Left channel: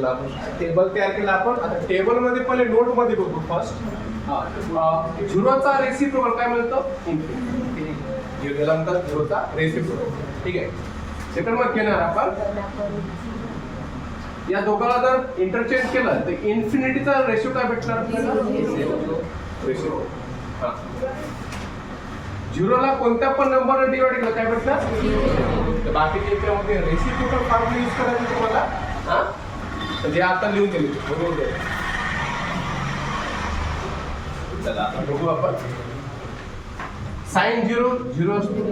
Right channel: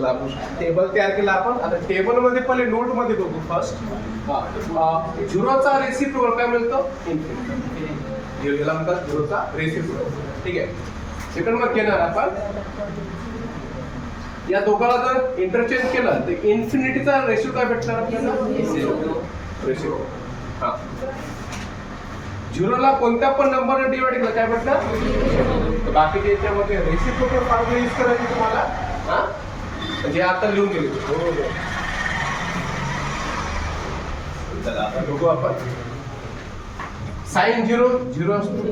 चला आपण टेबल तयार केला आपण. आता टेबल मध्ये पहिले नोट मध्ये बघू फर्स्ट. झिरोचा रेसिप्रोकल काय मिळतं? इन्फिनिटी. याला म्हणतात झिरोचा रेसिप्रोकल. ठीक आहे. सेकंड मग घेणार आपण या दोघाला जर इंटरचेंज केलं तर इन्फिनिटीचा रेशो काय भेटणार आपल्याला? रेशो. हा, झिरोला कोणत्या पण नंबरने डिवाइड केलं काय भेटणार? तर बाकी याच्यामध्ये रेसिप्रोकल फॉर्म्युला यूज करायची तुम्हाला. हा, म्हणजे आता लिहून दिले. चला आता बघू आपण. साइन 0 0 असतो.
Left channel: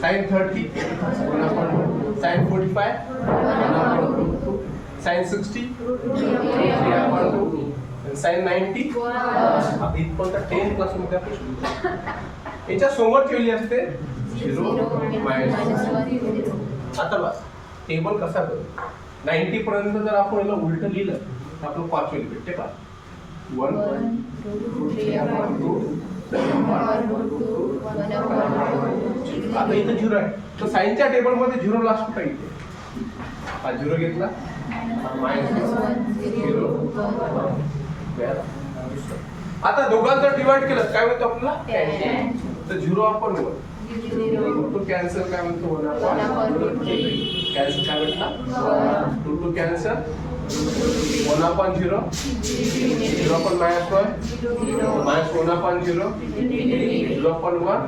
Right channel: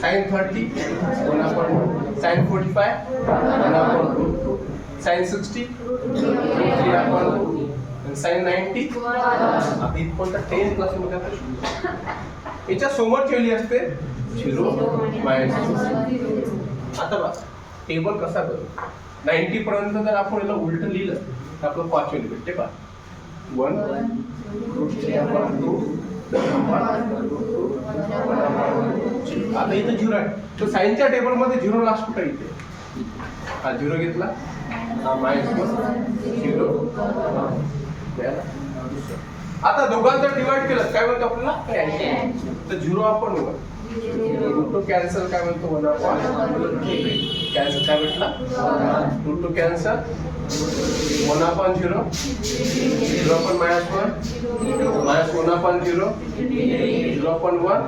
साइन 30 1/2. साइन 45 1/2. साइन 60 3/2. साइन 90 आता इथपर्यंत 10 क्लास मध्ये आपण याच्या समोर ठेवली असते 0 -1. आता बघा टेबल कसा करू. 90 पर्यंत जर आपण याला उलट लिहिलं तर आपलं क्वार्टर भेटते पहा. 1 2. आता इथं 0 आहे. तर साइनच्या टेबल मध्ये 0 लास्ट कुठे येते? हा 0 घेतला. हा -0. आता दोघांचं डिवाइड केलं काय म्हणतो आपल्याला? तर 0 आपण रूट कॅन्सल काय म्हणतो? 1/√3. कॅन्सल काय भेटला? Root cancel 1/0. 0 -1 -1/0. 0/1.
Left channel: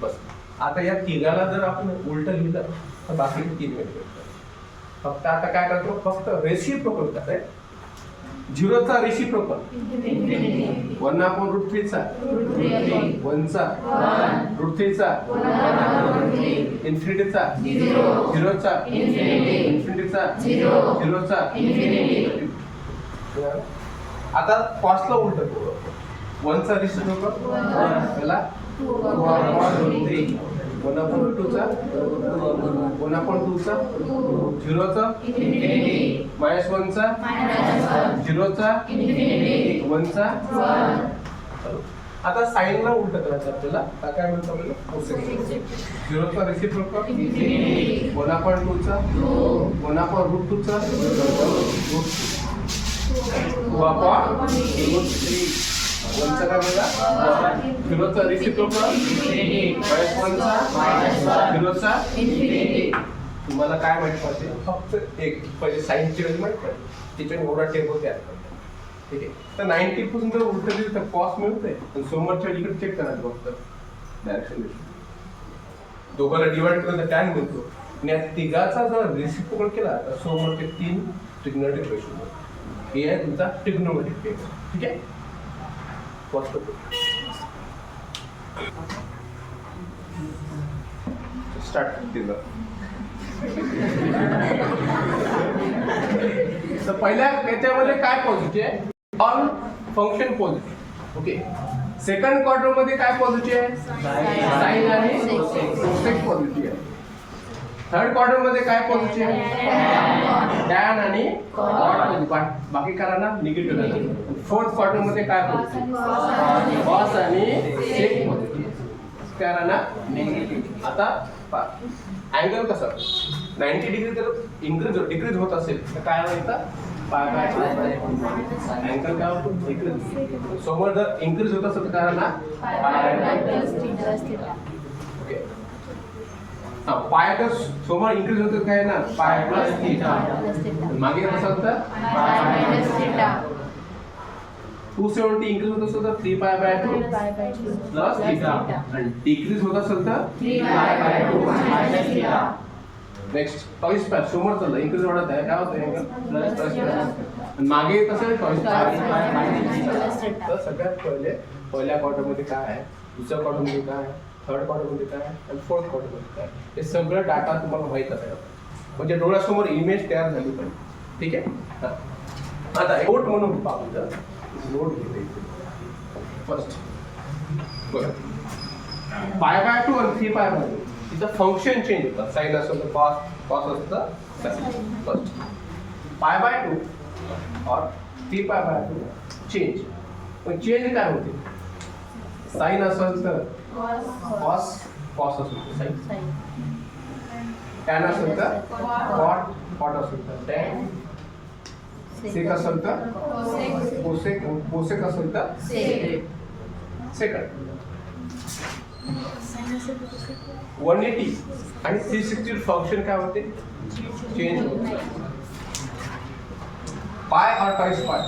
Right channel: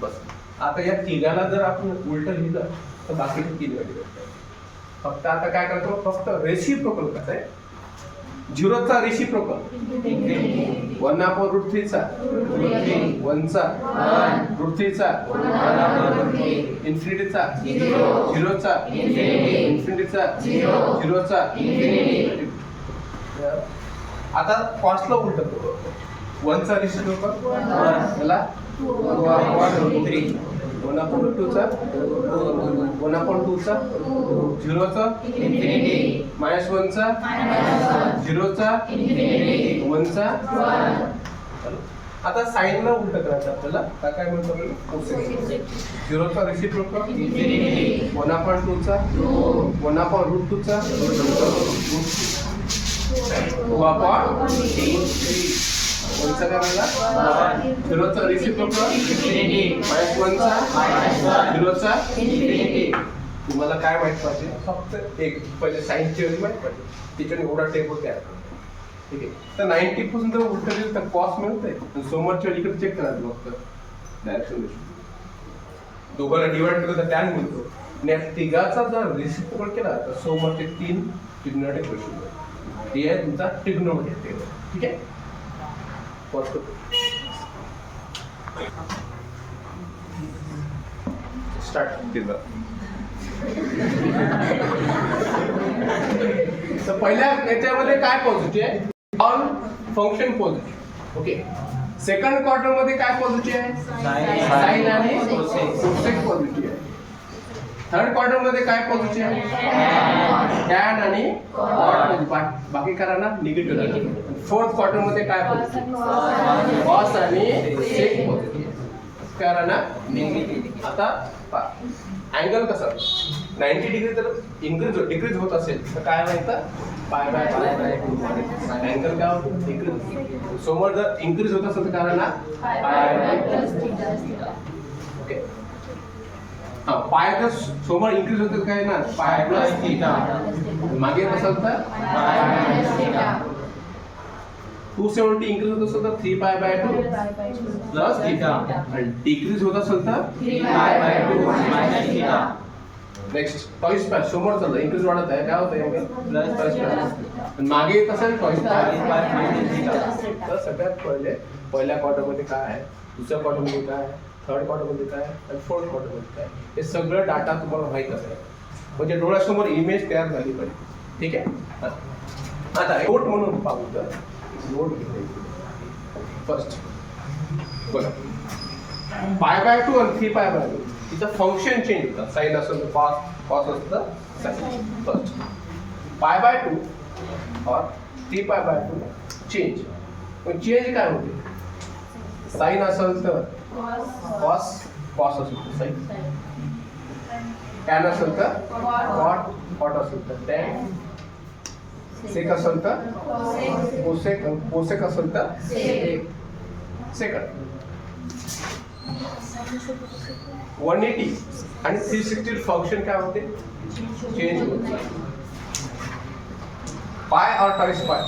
बस. आता या तिघाला जर आपण उलट लिहिलं तर बाकीचे 3 व्हॅल्यू भेटतात. फक्त आता काय करतो? फक्त रेसिप्रोकल कसं आहे? 0चा रेसिप्रोकल 1/√3 चा 1 चा √3 चा इन्फिनिटी चा 0 चा इन्फिनिटी चा 0 चा. आता कॉस्टला उलट करू. 1 चा रेसिप्रोकल याला 1/√3. 1/2 चा 1/2 चा 0 चा इन्फिनिटी -1 चा 0 चा इन्फिनिटी 1 चा. आता साइनला उलट करायचं आपल्याला. काय म्हणतो आपल्याला? 0 चा रेसिप्रोकल इन्फिनिटी 1/2 चा 1/√2 चा √3. 1 चा काय म्हणला? 0 चा रेसिप्रोकल इन्फिनिटी -1 चा 0 चा इन्फिनिटी. तुम्हाला काय माहित पाहिजे? फक्त एक पहिले साइनची व्हॅल्यू माहित पाहिजे. त्याच्याने एवढा टेबल तयार करतो. ठीक आहे. तर 90 पासून जर उलट दिलं तर कॉस्ट मिळते. समोरच्या इकडे चेक करायचं फक्त डायरेक्शन. दोघांना डिवाइड केलं तर टॅन मिळतो. आणि या तिघाचा जर रेसिप्रोकल केला तर समोरचे 3 ट्रिग्नोमेट्रिक रेशो मिळतो. हे आहे तुमचा ट्रिग्नोमेट्रिक टेबल. ठीक आहे. स्टार्ट केलं. तर पहिल्या याच्यामध्ये काय पॉझिटिव्ह आहे? All function positive. Okay. Second quarter मध्ये काय पॉझिटिव्ह आहे? साइन आणि कोसेक पॉझिटिव्ह आहे. थर्ड क्वार्टर मध्ये काय पॉझिटिव्ह आहे? टॅन आणि कॉट. बाकी करांना निगेटिव्ह आहे. फोर्थ क्वार्टर मध्ये काय पॉझिटिव्ह? कॉस आणि सेक पॉझिटिव्ह. करांना निगेटिव्ह. आता अँगल कसा 90 डिग्री जर डिक्रीज होत असेल तर काय म्हणतात? अँगल काय होतो? डिक्रीज. समोर जर इन्क्रीज होत असेल तर काय ना? ओके. हा, पाय जर समोर इन्क्रीज होत काय ना? पाय प्लस थीटा. मागे असेल तर 270 इन्क्रीज होत असेल तर 3π/2 प्लस थीटा. आणि डिक्रीज होत असेल तर 3π/2 मायनस थीटा. नेक्स्ट टॉइस पाय समोर चाललं इन्क्रीज वाढत आहे. काय होतं? अँगल प्लस आणि मागे येत असेल टॉइस पाय मायनस थीटा. तर सगळ्यात पहिल्या क्वार्टर मध्ये काय आहे? दुसऱ्या क्वार्टर मध्ये काय आहे? थर्ड क्वार्टर मध्ये काय आहे? आणि फोर्थ क्वार्टर मध्ये काय? हे सगळं डाटा तुम्हाला माहित असतं. म्हणजे डोळ्यासमोर इमेज तयार झाली पाहिजे. ठीक आहे. आता नोट म्हणून पाहू. नोट घेते फर्स्ट. बघा π/2 आणि 3π/2 तिचं फंक्शन चेंज होतं. साइन असेल तर कॉस असेल तर साइन. फर्स्ट π/2 और 3π/2 चेंज. पण चेंज काय होते? साइन असेल तर कॉस असेल तर साइन. टॅन असेल तर कॉट, कॉट असेल तर टॅन, सेक असेल तर कोसेक, कोसेक असेल तर सेकंड. 180 आणि 360 फंक्शन काय होते? चेंज होते. पाय और ट्वाइस पाय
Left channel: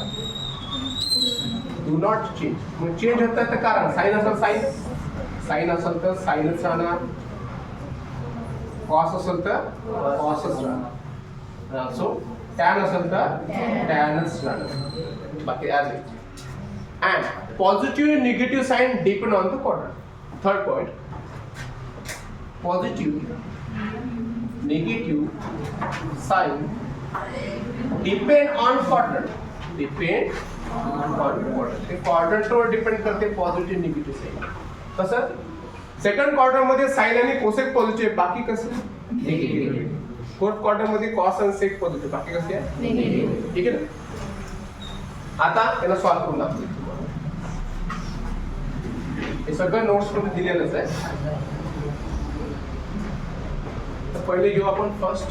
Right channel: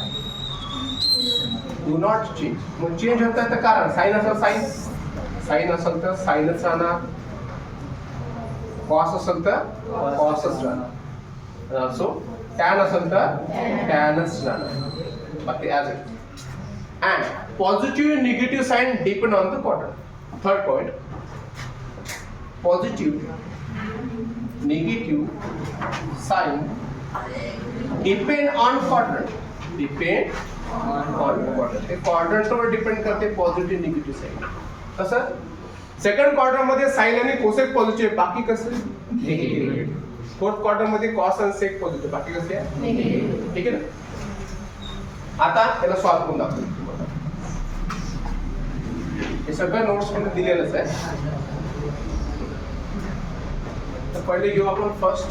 डू नॉट चेंज. मग चेंज होत आहे तर कारण साइन असेल साइन, साइन असेल तर साइनच राहणार, कॉस असेल तर कॉसच राहणार, सो टॅन असेल तर टॅनच राहणार, बाकी as it. And positive negative sign depend on the quadrant. Third point, positive negative sign depend on quadrant. Depend on quadrant. ते क्वाड्रंटवर डिपेंड करते पॉझिटिव्ह निगेटिव्ह साइन. कसं सेकंड क्वार्टर मध्ये साइन आणि कोसेक पॉझिटिव्ह, बाकी कसं निगेटिव्ह. फोर्थ क्वार्टर मध्ये cos आणि सेक पॉझिटिव्ह, बाकी कसे आहे निगेटिव्ह. ठीक आहे ना. आता याला सॉल्व्ह करून दाखवतो तुम्हाला. हे सगळं नोट्स मध्ये दिलेलंच आहे. तर पहिले घेऊ आपण फर्स्ट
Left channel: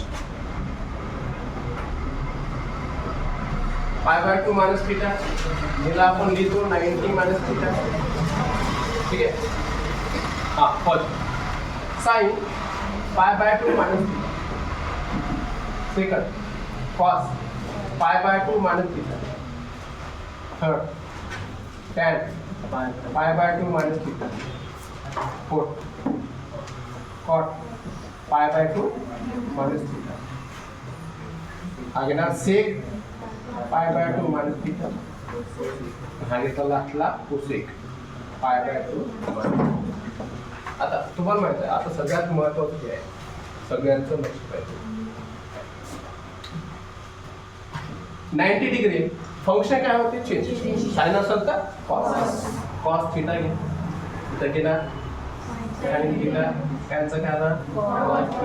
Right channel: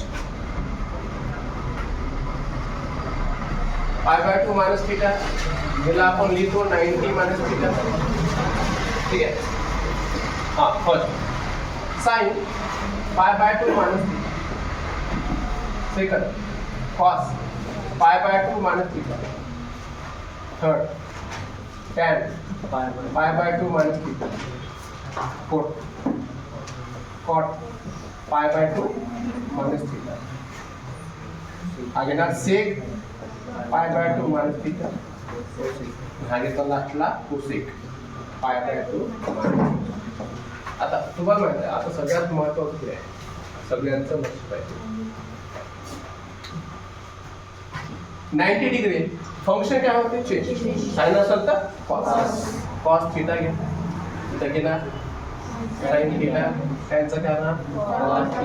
पाय बाय 2 मायनस थीटा. याला आपण लिहितो 90 मायनस थीटा. ठीक आहे. हाँ first sine pi by 2 minus theta. Second cos pi by 2 minus theta. Third tan pi by 2 minus theta. Fourth cot pi by 2 minus theta. आगे ना sec pi by 2 minus theta. आगे तो लास्टला cosec pie by 2 minus. आता तुम्हाला माहिती आहे, आता सगळ्यात महत्त्वाचं आहे, सगळ्यांचं लक्ष पाहिजे. 90 डिग्री फंक्शन काय होते? चेंज. साइन असेल तर कॉस, कॉस थीटा घ्या, थीटा घेणार, साइन थीटा, टॅनचं काय राहणार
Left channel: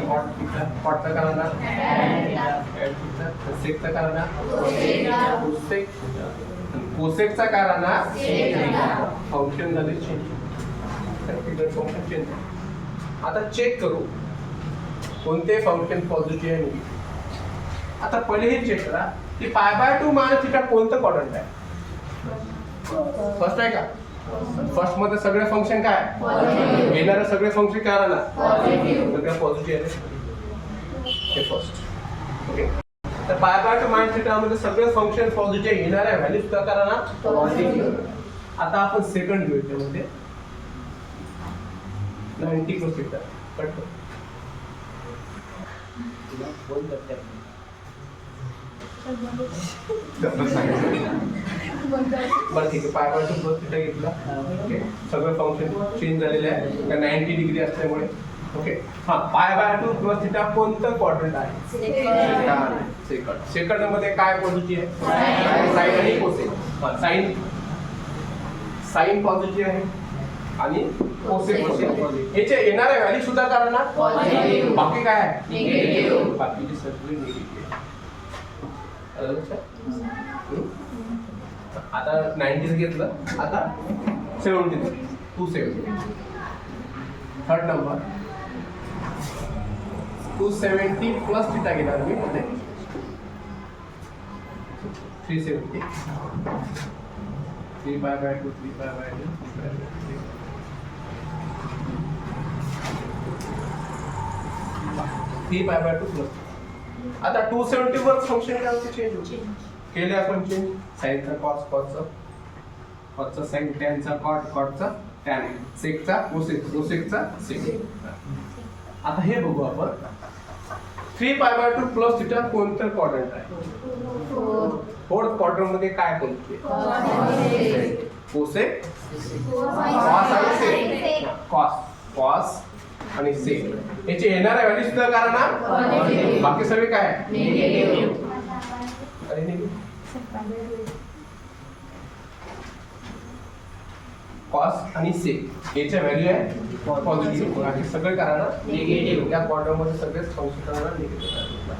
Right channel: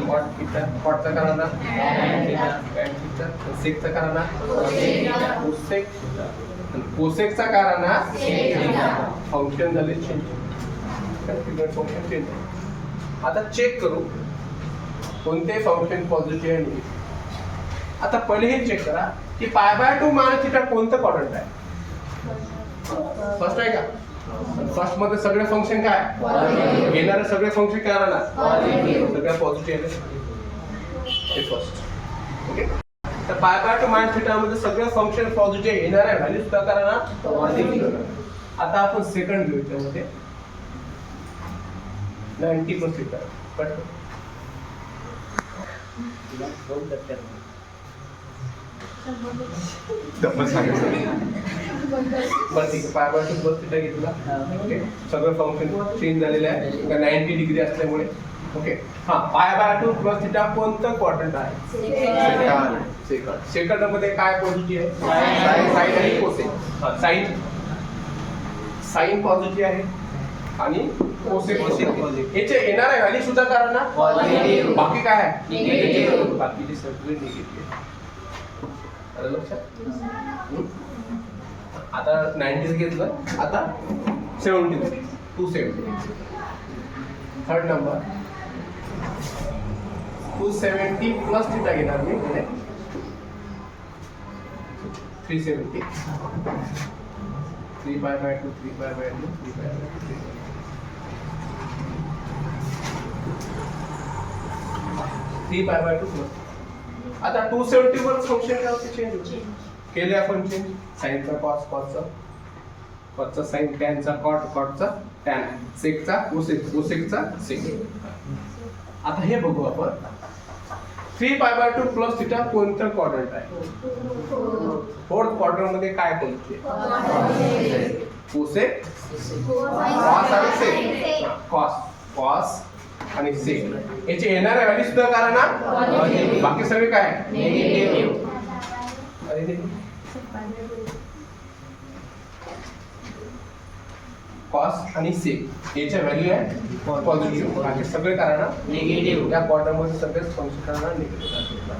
कॉट थीटा, कॉटचं काय राहणार टॅन थीटा, सेकचं काय राहणार कोसेक, कोसेकचा काय राहणार फंक्शन झाले चेंज. Function change. आता चेक करू कोणते फंक्शन पॉझिटिव्ह आहे. आता पहिले हे चेक करा की पाय बाय 2 मायनस थीटा कोणतं क्वाड्रंट आहे? फर्स्ट आहे का? फर्स्ट मध्ये सगळे फंक्शन काय येणारे, सगळे फंक्शन काय राहणार सगळे पॉझिटिव्ह आहे. हे फर्स्ट. ओके. तर पाय बाय 2 मायनस थीटा मध्ये सगळे फंक्शन पॉझिटिव्ह येणार आहे, व्हॅल्यू सुद्धा काय राहणार पॉझिटिव्ह. आता आपण सेकंड घेऊ. त्यामध्ये 90 प्लस थीटा कट करू. बरं ठीक आहे. पाय बाय 2 प्लस थीटा घेतला. ओके. सगळं फंक्शन चेंज झालेलं आहे 90 डिग्री असल्यामुळे. ओके. हा पाय बाय 2 प्लस थीटा कोणतं क्वाड्रंट आहे? सेकंड. सेकंड मध्ये काय पॉझिटिव्ह आहे? साइन आणि कोसेक. हा साइन, साइन पॉझिटिव्ह आहे आणि कोसेक पॉझिटिव्ह. याचे येणारे व्हॅल्यू सुद्धा करा ना पॉझिटिव्ह, बाकी काय आहे निगेटिव्ह, बाकीचे सगळे निगेटिव्ह. आलं लक्षात? आता 90 घेतलं, आता 70 270. थर्ड नंबर 270 प्लस थीटा घेणार मी मध्ये 370. 3 pi by 2 3 pi by 2 3 pi by 2 3 pi by 2 plus. आता 270 वर फंक्शन काय होते? चेंज होते. केले आपण चेंज. साइनचा कॉस, कॉसचा कॉसचा साइन, टॅनचा कॉट, कॉटचा टॅन, सेकचा कोसेक, कोसेकचा सेक. आता हे बघू आपण 3 पाय बाय 2 प्लस थीटा कोणतं क्वाड्रंट आहे? फोर्थ क्वाड्रंट मध्ये काय कोणते? कोसेक, कॉस आणि सेक. कॉस, कॉस आणि सेक. याचे येणारे व्हॅल्यू सुद्धा करा ना, बाकी सगळे काय निगेटिव्ह. कॉस आणि सेक याच्या व्हॅल्यू आहे पॉझिटिव्ह, बाकी सगळे करा ना निगेटिव्ह. या क्वाड्रंट मध्ये सगळेच फंक्शन करा निगेटिव्ह.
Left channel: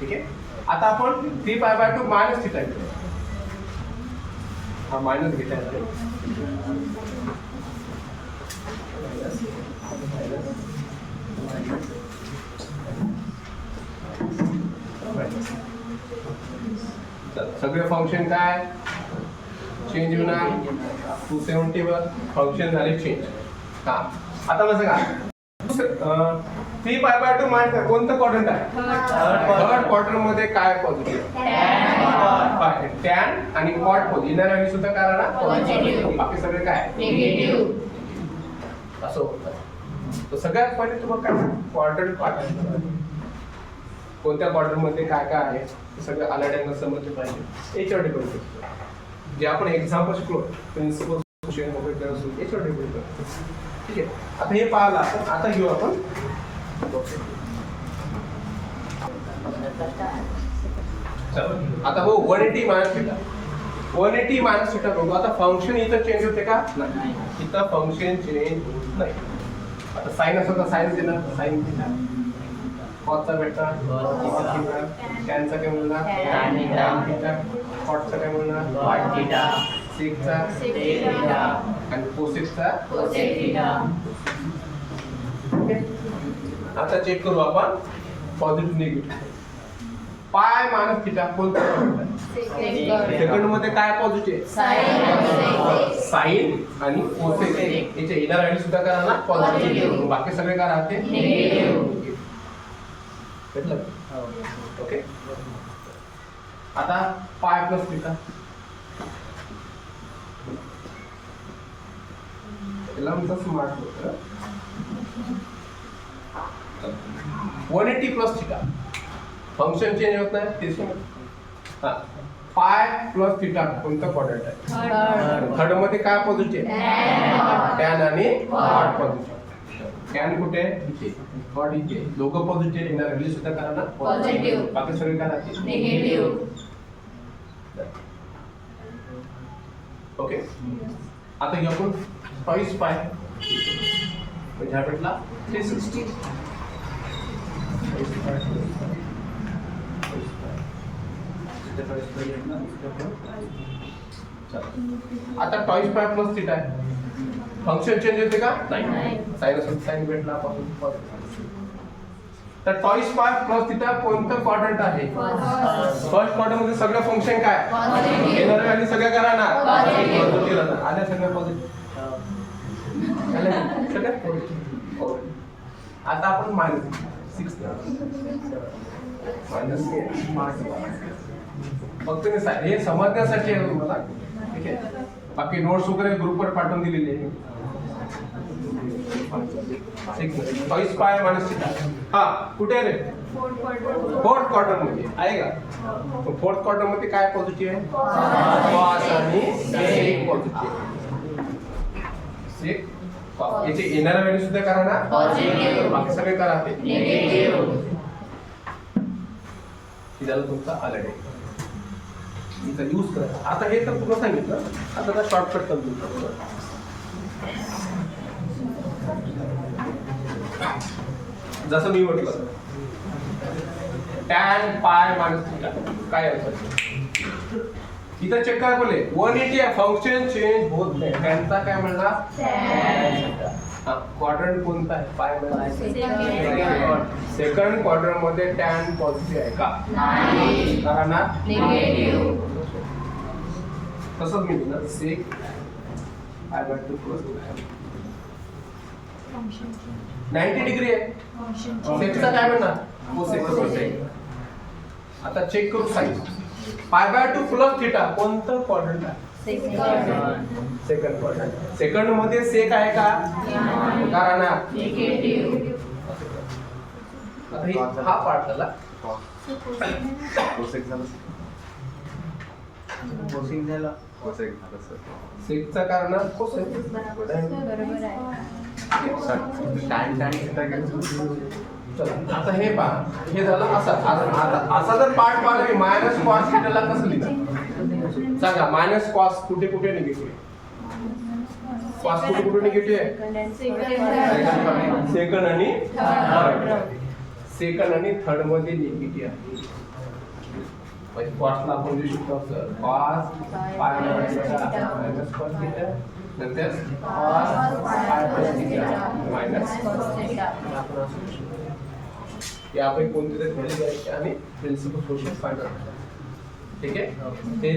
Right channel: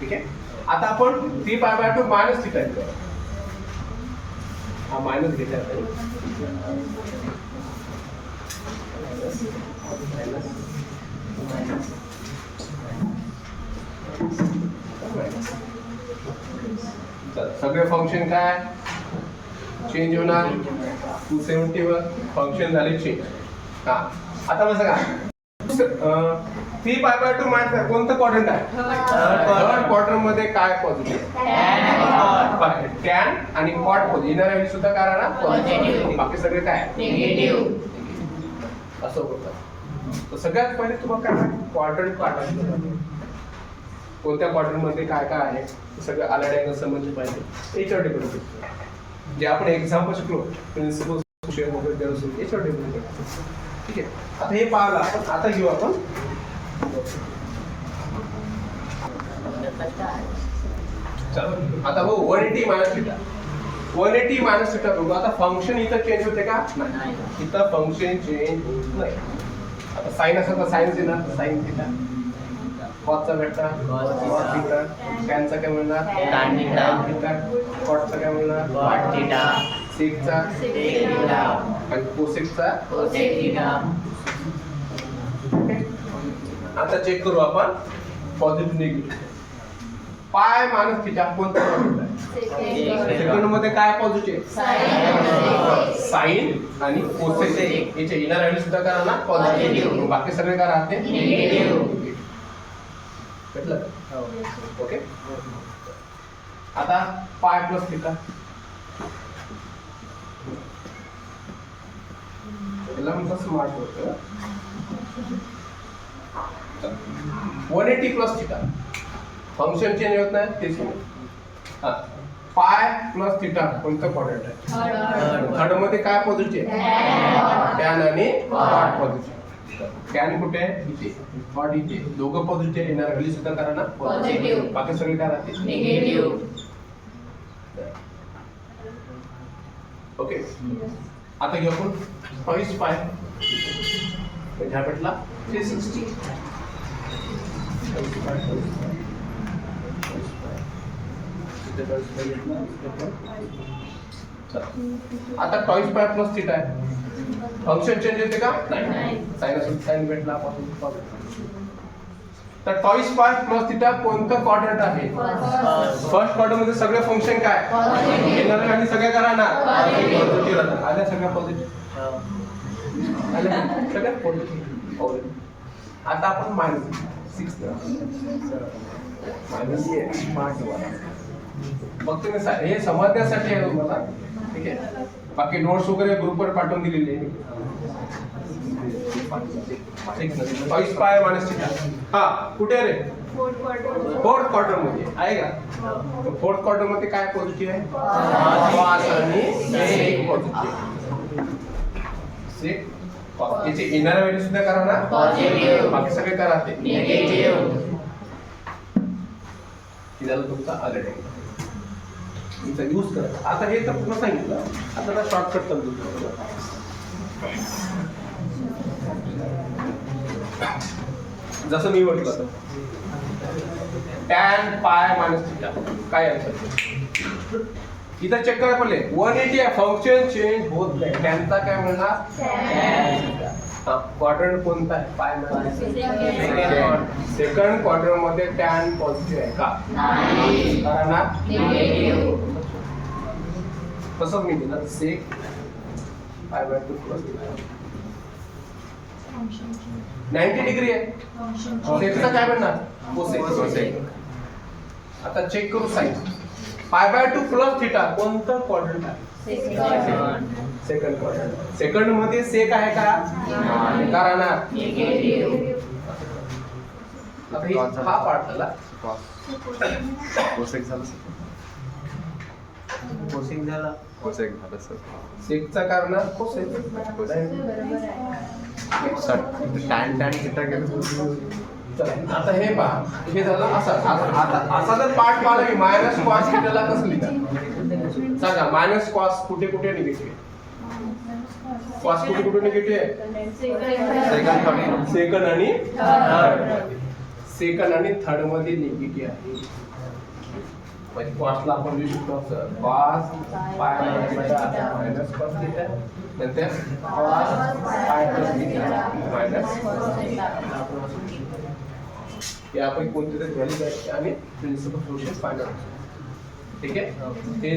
ठीक आहे. आता आपण 3 पाय बाय 2 मायनस थीटा घेतो. हा मायनस घेता येतो. चला, सगळे फंक्शन काय चेंज होणार 270 वर फंक्शन झाले चेंज. हा आता कसं का 3π/2 माहिती कोणतं क्वाड्रंट आहे? थर्ड क्वाड्रंट मध्ये काय पॉझिटिव्ह टॅन आणि कॉट पॉझिटिव्ह इनर व्हॅल्यू सुद्धा काय राहणार पॉझिटिव्ह, बाकी सगळे काय निगेटिव्ह असं होतं. तर सगळ्यात पहिले तुम्हाला काय क्वाड्रंट काढायचं, कोणत्या क्वाड्रंट मध्ये काय काय आहे ते सगळं अलाइड अँगल समजले पाहिजे. याच्यावर डिपेंड करतो जे आपण एक्झाम्पल शिकलो प्रिन्सिपल शेअर वगैरे याच्यावर डिपेंड करतो. ठीक आहे, आता हे पाहिलं आपण. आता घेऊ आपण चलो आता हो 180 मायनस थिटा 180 मायनस थिटा बघू. आता फंक्शन इथं चेंज होते का? नाही, इथं फंक्शन चेंज होत नाही. आता साइन असेल तर साइन येणार साइन थिटा, कॉसचा भेटणार कॉस थिटा, टॅनचा काय मिळणार टॅन थिटा, कॉटचा काय मिळणार कॉट थिटा, सेकचा सेक थिटा आणि कोसेकचा कोसेक थिटा. आता चेक करू आपण positive negative. Pi minus theta कोणता सेकंड मध्ये काय पॉझिटिव्ह साइन आणि कोसेक, याचे इनर व्हॅल्यू सुद्धा करा ना पॉझिटिव्ह, बाकी सगळे काय राहते निगेटिव्ह. भेटलं ओके. आता पाय प्लस थिटा याला म्हणतात स्मार्ट होतं 180 प्लस थिटा फंक्शन चेंज होत नाही ते चेंज. हा पाय प्लस थिटा कोणतं क्वाड्रंट आहे? थर्ड मध्ये काय पॉझिटिव्ह टॅन आणि कॉट पॉझिटिव्ह. टॅन कुठे इथे, कॉट इथे, दोघं पॉझिटिव्ह येणार व्हॅल्यू सुद्धा करा ना पॉझिटिव्ह, बाकी सगळे काय राहतील निगेटिव्ह. ओके, आता घेऊ आपण 22 पाय म्हणजे हा भेटला 360. आता 22 पाय प्लस थिटा आहे, फंक्शन चेंज होते का? नाही, साइन असेल साइन भेटला पासून. तर 22 पाय प्लस थिटा कोणतं क्वाड्रंट आहे? फर्स्ट क्वाड्रंट मध्ये सगळे फंक्शन काय येणार आणि सगळ्या करणार पॉझिटिव्ह राहणार. आल्या सगळ्या पॉझिटिव्ह आल्या सगळ्या पॉझिटिव्ह. आता आपण मायनस 6 मायनस फक्त हे समजण्यासाठी आहे तुम्हाला. ठीक आहे, बाकी नोट्स वगैरे ग्रुपवर पाठवून दिलेले आहे. 22 पाय मायनस थिटा हा कुठे रे? फोर्थ क्वार्टर मध्ये आहे का? फोर्थ क्वार्टर मध्ये काय पॉझिटिव्ह आहे? कॉस आणि सेक पॉझिटिव्ह. सेक याचे इनर व्हॅल्यू सुद्धा करा ना पॉझिटिव्ह, बाकी सगळे करा ते निगेटिव्ह. झालं तुमचा अलर्ट याचा यूज करा. आता हे तर पूर्ण सांगितलं, आता शॉर्टकट समजून जसं मी म्हटलं टॅन पाय मायनस थिटा काय आन्सर इथं चेक करा पहिले. 180 फंक्शन चेंज होत नाही, टॅनचा काय म्हणणार हा क्वाड्रंट कोणता आहे? पाय मायनस सेकंड क्वाड्रंट मध्ये टॅन पॉझिटिव्ह आहे का? नाही, कारण निगेटिव्ह. कसं मी दिलं सेक π/2 प्लस 90 डिग्री आहे, सेकचा काय म्हणणार कोसेक. आता चेक करू साइन π/2 प्लस थिटा कोणतं क्वाड्रंट आहे? Second quadrant. सेकंड मध्ये सेक आहे का? कारण निगेटिव्ह. आता हा पार्ट झाला कोसेक झाला, कोसेक झाला, कोसेक झाला सर. सेकचा कारण कोसेक बरोबर आहे. टॅन टॅन थिटा गेलं. चला आता हे पहा, हे झालं असं. असा जर पार्ट पाहिला की मायनस कॉस थिटाला कसं लिहितात सांगा? मायनस कॉस कुठे कुठे निगेटिव्ह, कॉस कुठे कुठे निगेटिव्ह आहे? सेकंड आणि थर्ड. सेकंड आणि थर्ड मध्ये निगेटिव्ह आहे. म्हणजे कॉसला आपण लिहू शकतो cos pi minus cos theta, नंतर cos pi plus theta minus cos theta. यापैकी कोणती तरी व्हॅल्यू द्यायची आणि प्रिन्सिपल फंक्शन फायनल. ठीक आहे. हे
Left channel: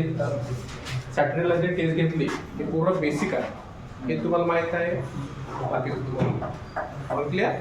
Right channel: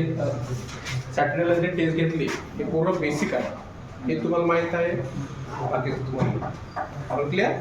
सॅटर्डेला जे टेस्ट घेतली हे पूर्ण बेसिक आहे, हे तुम्हाला माहित आहे. बाकी तुम्हाला क्लिअर.